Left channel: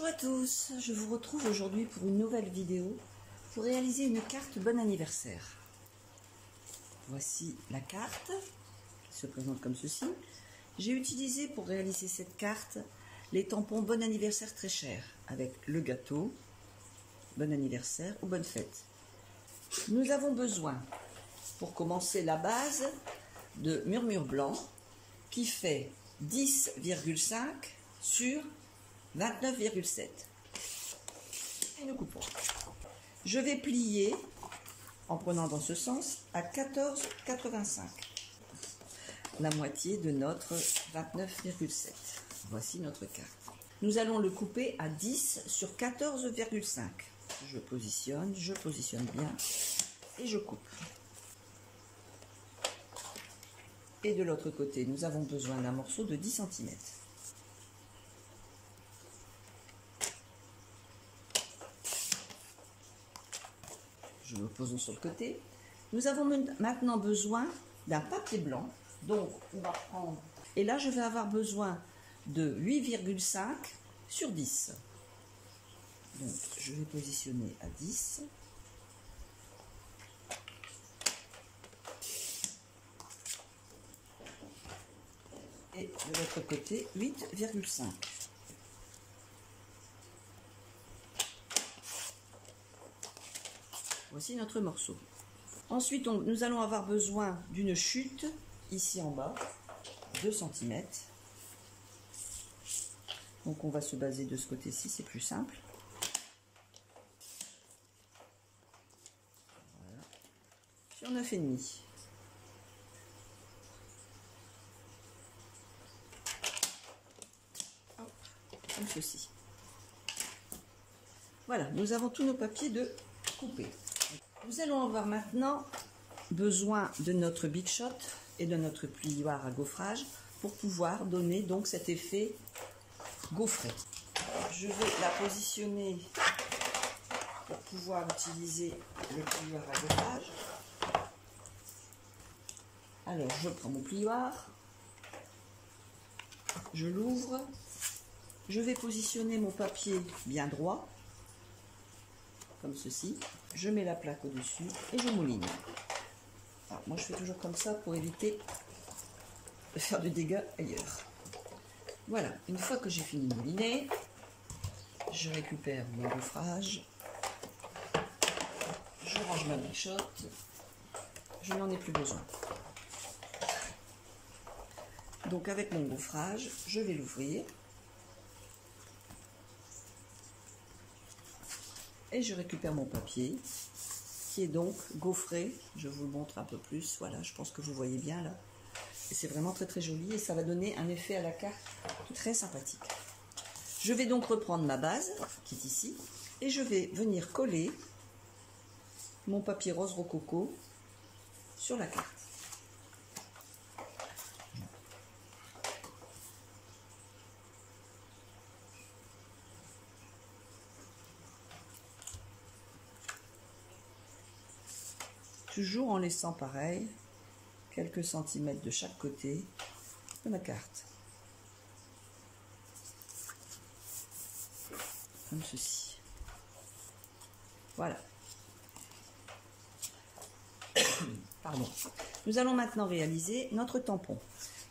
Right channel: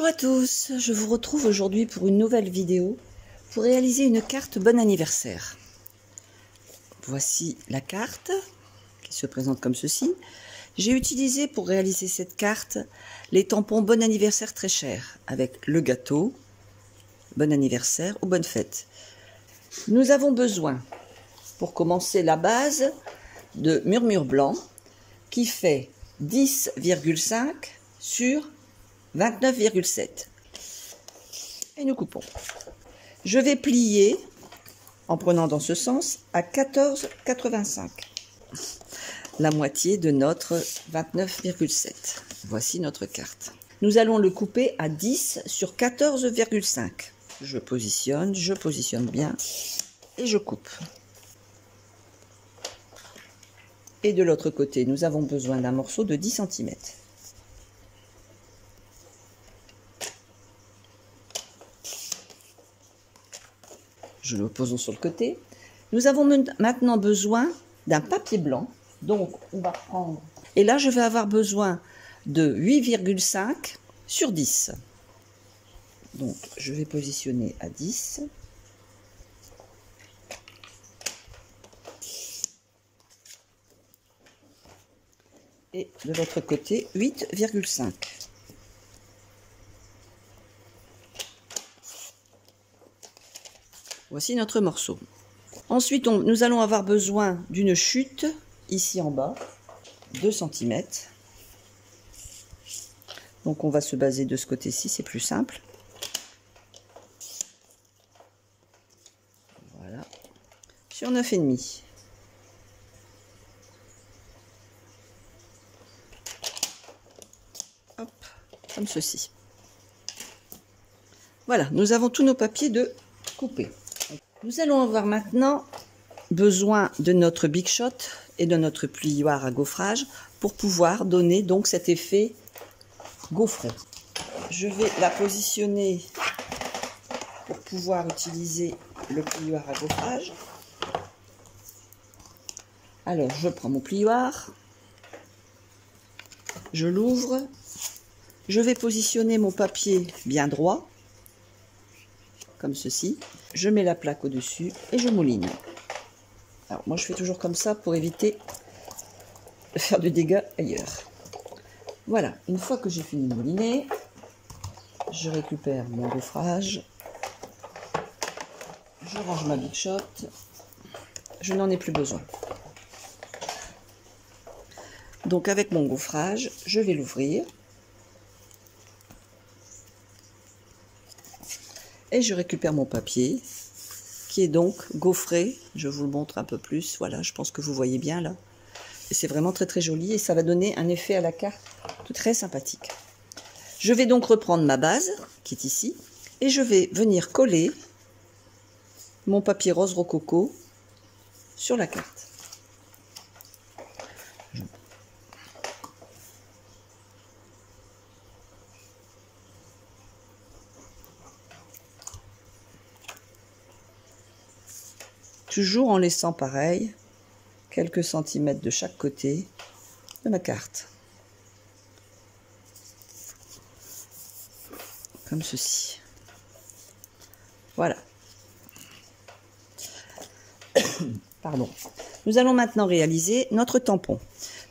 Bonjour à tous, je vous retrouve aujourd'hui pour une nouvelle vidéo pour réaliser une carte bon anniversaire. Voici la carte qui se présente comme ceci. J'ai utilisé pour réaliser cette carte les tampons bon anniversaire très chers avec le gâteau, bon anniversaire ou bonne fête. Nous avons besoin pour commencer la base de murmure blanc qui fait 10,5 sur 29,7 et nous coupons. Je vais plier en prenant dans ce sens à 14,85, la moitié de notre 29,7. Voici notre carte. Nous allons le couper à 10 sur 14,5. Je positionne bien et je coupe. Et de l'autre côté, nous avons besoin d'un morceau de 10 cm. Je le pose sur le côté. Nous avons maintenant besoin d'un papier blanc. Donc, on va prendre... Et là, je vais avoir besoin de 8,5 sur 10. Donc, je vais positionner à 10. Et de l'autre côté, 8,5. Voici notre morceau. Ensuite, nous allons avoir besoin d'une chute, ici en bas, 2 cm. Donc on va se baser de ce côté-ci, c'est plus simple. Voilà. Sur 9,5. Hop, comme ceci. Voilà, nous avons tous nos papiers de couper. Nous allons avoir maintenant besoin de notre Big Shot et de notre plioir à gaufrage pour pouvoir donner donc cet effet gaufré. Je vais la positionner pour pouvoir utiliser le plioir à gaufrage. Alors je prends mon plioir, je l'ouvre, je vais positionner mon papier bien droit, comme ceci. Je mets la plaque au-dessus et je mouline. Alors moi je fais toujours comme ça pour éviter de faire du dégât ailleurs. Voilà, une fois que j'ai fini de mouliner, je récupère mon gaufrage, je range ma Big Shot, je n'en ai plus besoin. Donc avec mon gaufrage, je vais l'ouvrir. Et je récupère mon papier qui est donc gaufré. Je vous le montre un peu plus. Voilà, je pense que vous voyez bien là. Et c'est vraiment très très joli et ça va donner un effet à la carte très sympathique. Je vais donc reprendre ma base qui est ici et je vais venir coller mon papier rose rococo sur la carte. Toujours en laissant pareil quelques centimètres de chaque côté de ma carte. Comme ceci. Voilà. Pardon. Nous allons maintenant réaliser notre tampon.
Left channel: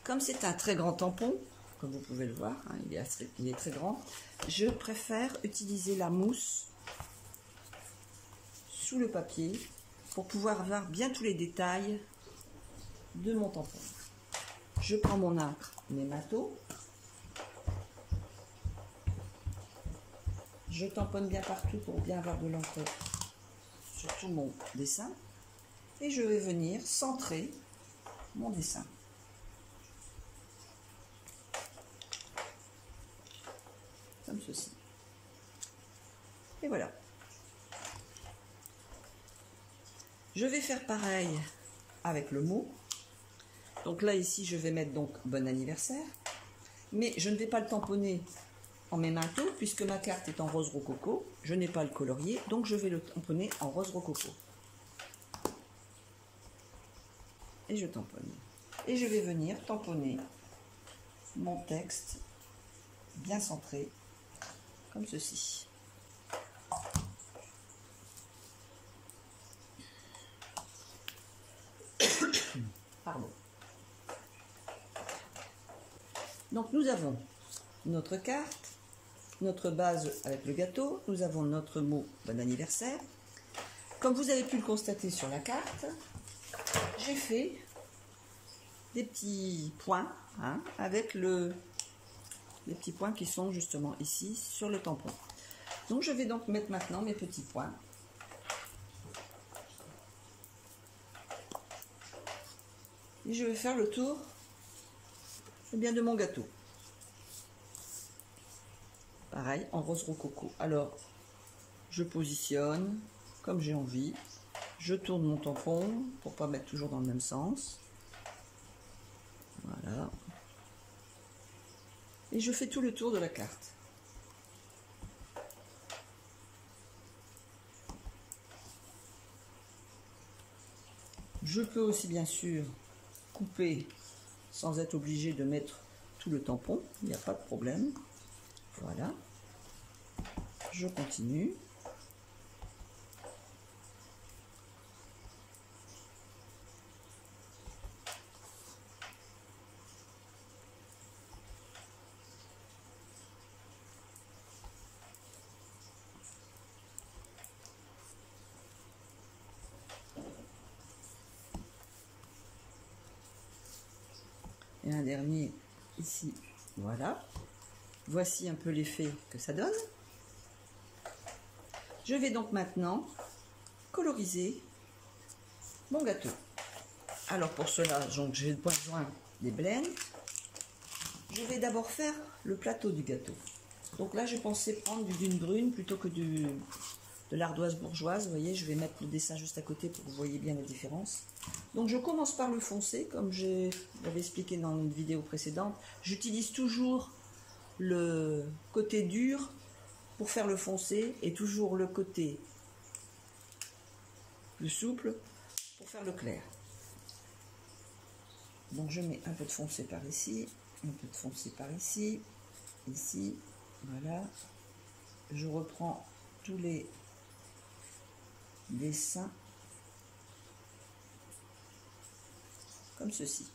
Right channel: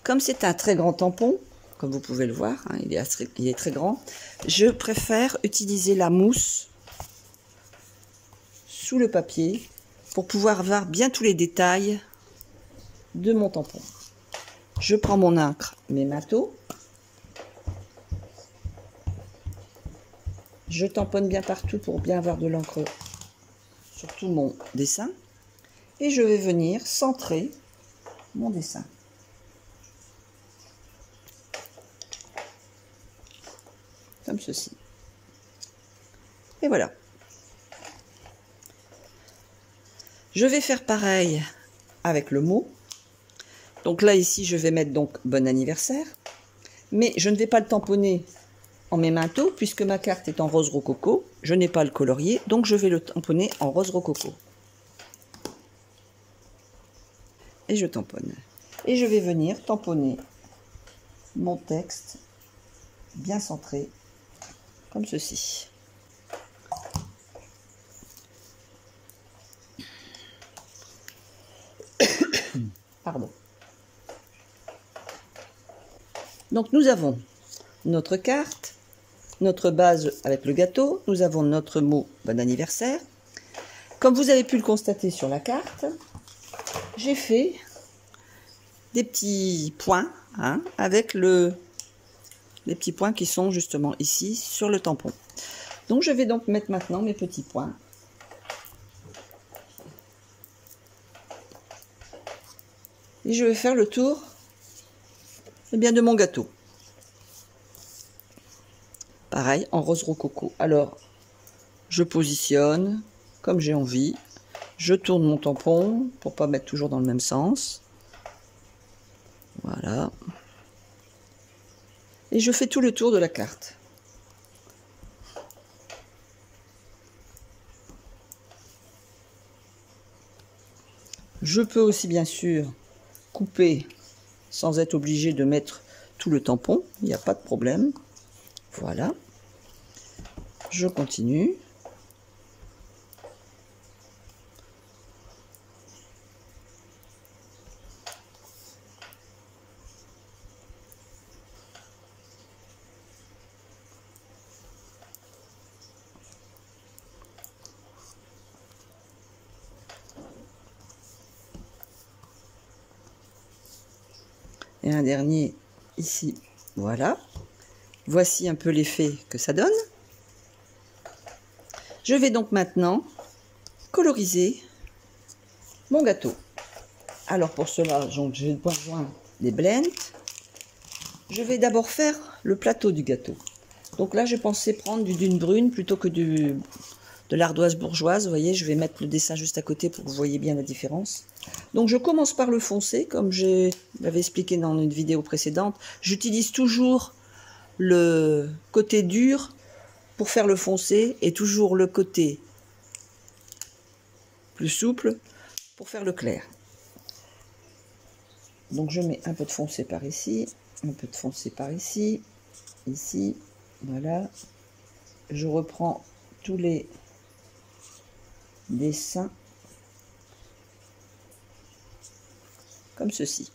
Comme c'est un très grand tampon, comme vous pouvez le voir, hein, il est très grand, je préfère utiliser la mousse sous le papier pour pouvoir voir bien tous les détails de mon tampon. Je prends mon encre, mes matos, je tamponne bien partout pour bien avoir de l'encre sur tout mon dessin et je vais venir centrer mon dessin. Comme ceci. Et voilà. Je vais faire pareil avec le mot. Donc là, ici, je vais mettre donc bon anniversaire. Mais je ne vais pas le tamponner en mes manteaux puisque ma carte est en rose rococo. Je n'ai pas le colorier, donc je vais le tamponner en rose rococo. Et je tamponne. Et je vais venir tamponner mon texte bien centré comme ceci. Pardon. Donc nous avons notre carte, notre base avec le gâteau, nous avons notre mot bon anniversaire. Comme vous avez pu le constater sur la carte, j'ai fait des petits points avec les petits points qui sont justement ici sur le tampon. Donc je vais donc mettre maintenant mes petits points. Et je vais faire le tour de mon gâteau. Pareil, en rose rococo. Alors, je positionne comme j'ai envie. Je tourne mon tampon pour pas mettre toujours dans le même sens. Voilà. Et je fais tout le tour de la carte. Je peux aussi bien sûr couper sans être obligé de mettre tout le tampon, il n'y a pas de problème. Voilà, je continue. Et un dernier ici, voilà. Voici un peu l'effet que ça donne. Je vais donc maintenant coloriser mon gâteau. Alors pour cela, j'ai besoin des blends. Je vais d'abord faire le plateau du gâteau. Donc là, j'ai pensé prendre du dune brune plutôt que de l'ardoise bourgeoise. Vous voyez, je vais mettre le dessin juste à côté pour que vous voyez bien la différence. Donc je commence par le foncé, comme je l'avais expliqué dans une vidéo précédente. J'utilise toujours le côté dur pour faire le foncé et toujours le côté plus souple pour faire le clair. Donc je mets un peu de foncé par ici, un peu de foncé par ici, ici, voilà. Je reprends tous les dessins comme ceci.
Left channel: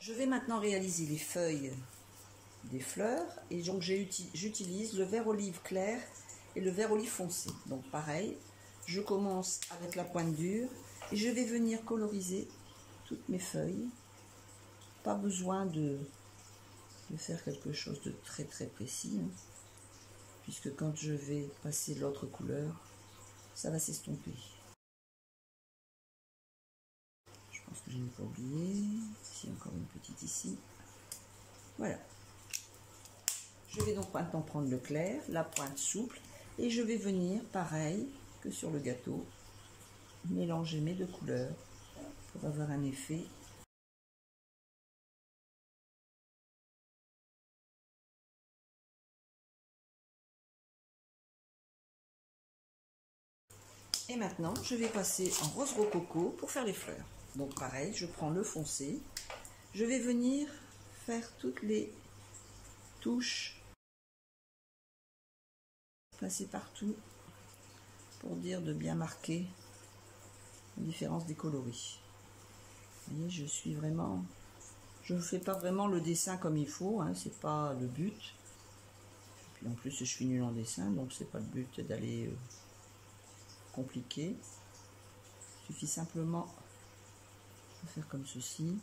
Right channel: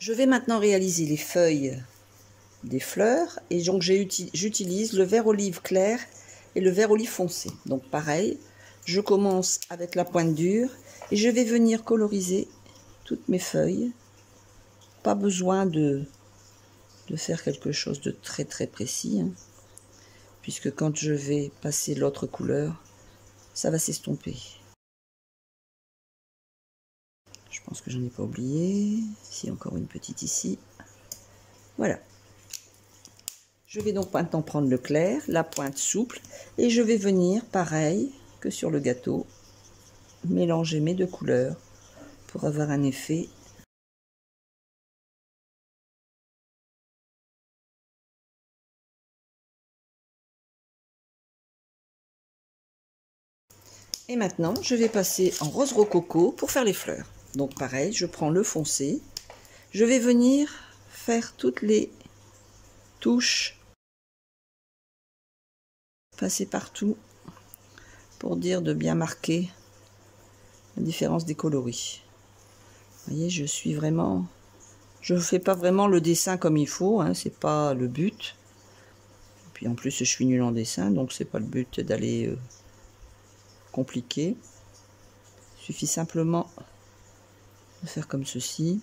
Je vais maintenant réaliser les feuilles des fleurs et donc j'utilise le vert olive clair et le vert olive foncé. Donc pareil, je commence avec la pointe dure et je vais venir coloriser toutes mes feuilles. Pas besoin de faire quelque chose de très précis, puisque quand je vais passer l'autre couleur, ça va s'estomper. Je pense que j'en ai pas oublié. Ici, encore une petite ici. Voilà. Je vais donc maintenant prendre le clair, la pointe souple, et je vais venir, pareil que sur le gâteau, mélanger mes deux couleurs pour avoir un effet . Et maintenant, je vais passer en rose rococo pour faire les fleurs. Donc pareil, je prends le foncé, je vais venir faire toutes les touches, passer partout pour dire de bien marquer la différence des coloris. Vous voyez, je suis vraiment, je ne fais pas vraiment le dessin comme il faut, c'est pas le but. Et puis en plus, je suis nulle en dessin, donc c'est pas le but d'aller compliqué. Il suffit simplement de faire comme ceci,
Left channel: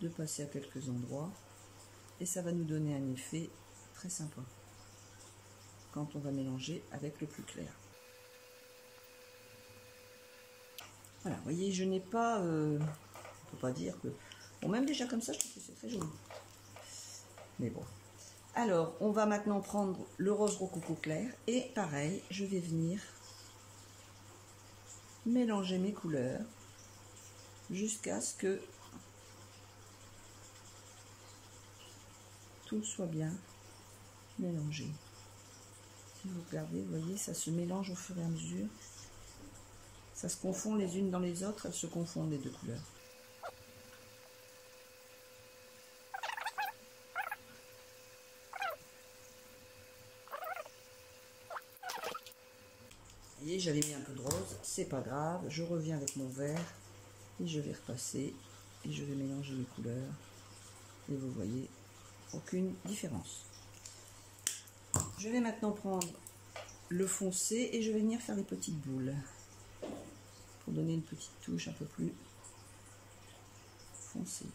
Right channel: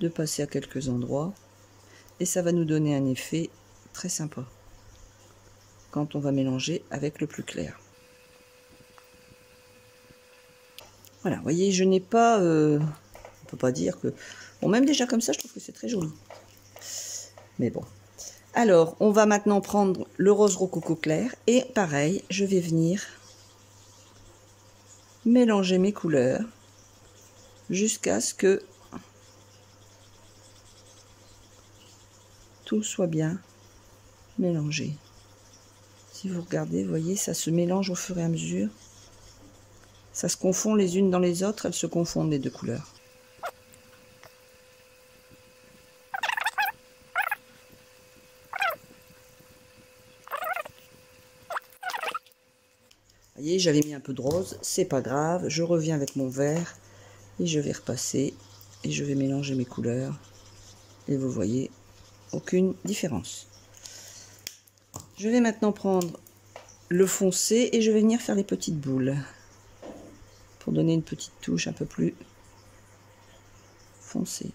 de passer à quelques endroits, et ça va nous donner un effet très sympa quand on va mélanger avec le plus clair. Voilà, vous voyez, je n'ai pas, on peut pas dire que, bon, même déjà comme ça, je trouve que c'est très joli. Mais bon. Alors, on va maintenant prendre le rose rococo clair, et pareil, je vais venir mélanger mes couleurs jusqu'à ce que tout soit bien mélangé. Si vous regardez, vous voyez, ça se mélange au fur et à mesure. Ça se confond les unes dans les autres, elles se confondent les deux couleurs. voyez, j'avais mis un peu de rose, c'est pas grave. Je reviens avec mon vert et je vais repasser et je vais mélanger mes couleurs. Et vous voyez, aucune différence. Je vais maintenant prendre le foncé et je vais venir faire les petites boules pour donner une petite touche un peu plus foncée.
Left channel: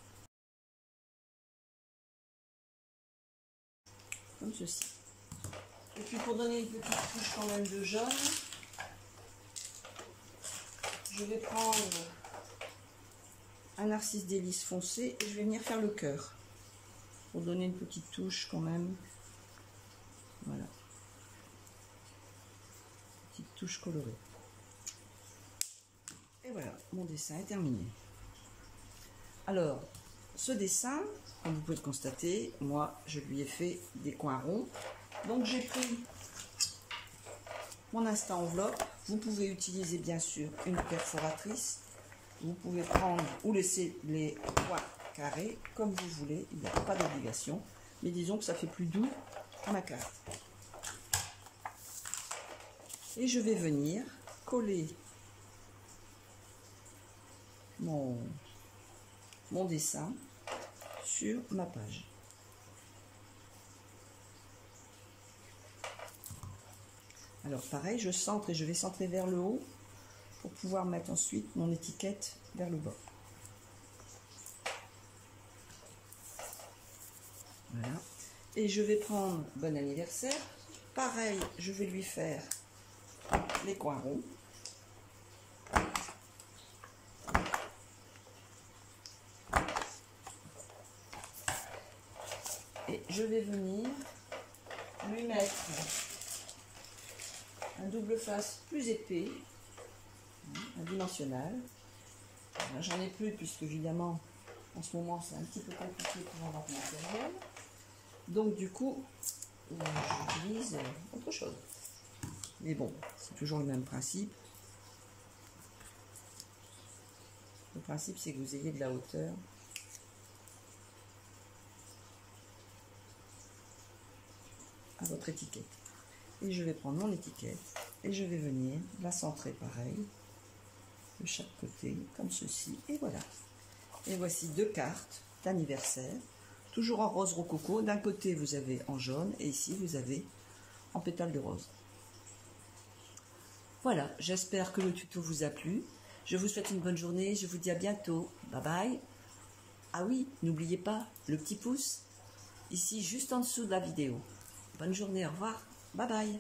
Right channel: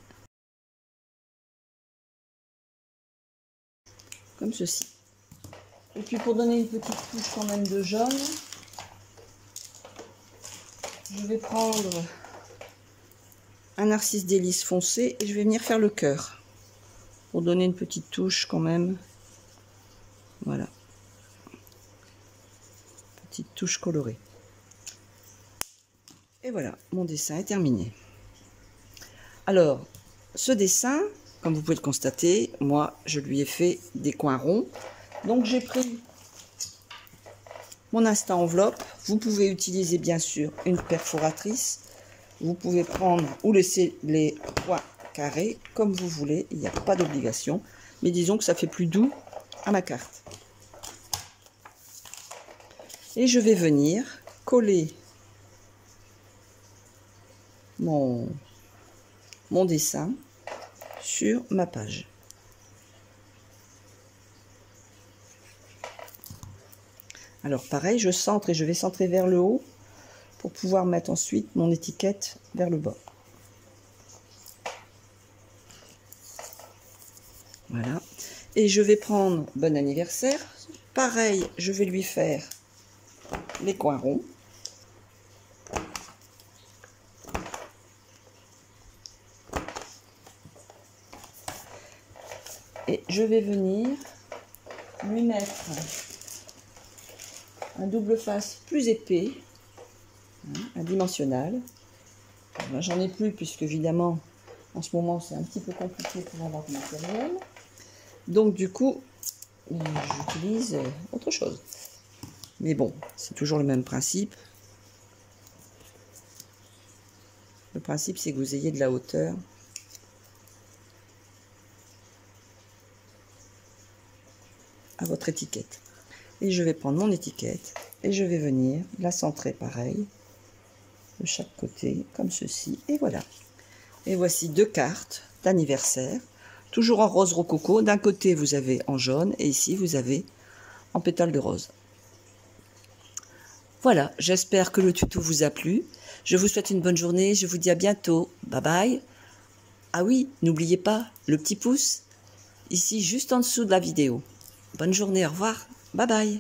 Comme ceci. Et puis pour donner une petite touche quand même de jaune, je vais prendre un narcisse délice foncé et je vais venir faire le cœur pour donner une petite touche quand même. Voilà, petite touche colorée. Et voilà, mon dessin est terminé. Alors, ce dessin, comme vous pouvez le constater, moi je lui ai fait des coins ronds. Donc j'ai pris mon instant enveloppe. Vous pouvez utiliser bien sûr une perforatrice. Vous pouvez prendre ou laisser les points carrés comme vous voulez. Il n'y a pas d'obligation. Mais disons que ça fait plus doux à ma carte. Et je vais venir coller mon dessin sur ma page. Alors pareil, je centre et je vais centrer vers le haut pour pouvoir mettre ensuite mon étiquette vers le bas. Voilà. Et je vais prendre bon anniversaire. Pareil, je vais lui faire les coins ronds. Et je vais venir lui mettre un double face plus épais, un dimensionnal. Là, j'en ai plus puisque évidemment en ce moment c'est un petit peu compliqué pour avoir du matériel. Donc du coup, j'utilise autre chose. Mais bon, c'est toujours le même principe. Le principe, c'est que vous ayez de la hauteur. À votre étiquette. Et je vais prendre mon étiquette et je vais venir la centrer pareil de chaque côté comme ceci et voilà. Et voici deux cartes d'anniversaire toujours en rose rococo. D'un côté vous avez en jaune et ici vous avez en pétales de rose. Voilà, j'espère que le tuto vous a plu. Je vous souhaite une bonne journée, je vous dis à bientôt. Bye bye. Ah oui, n'oubliez pas le petit pouce ici juste en dessous de la vidéo. Bonne journée, au revoir, bye bye.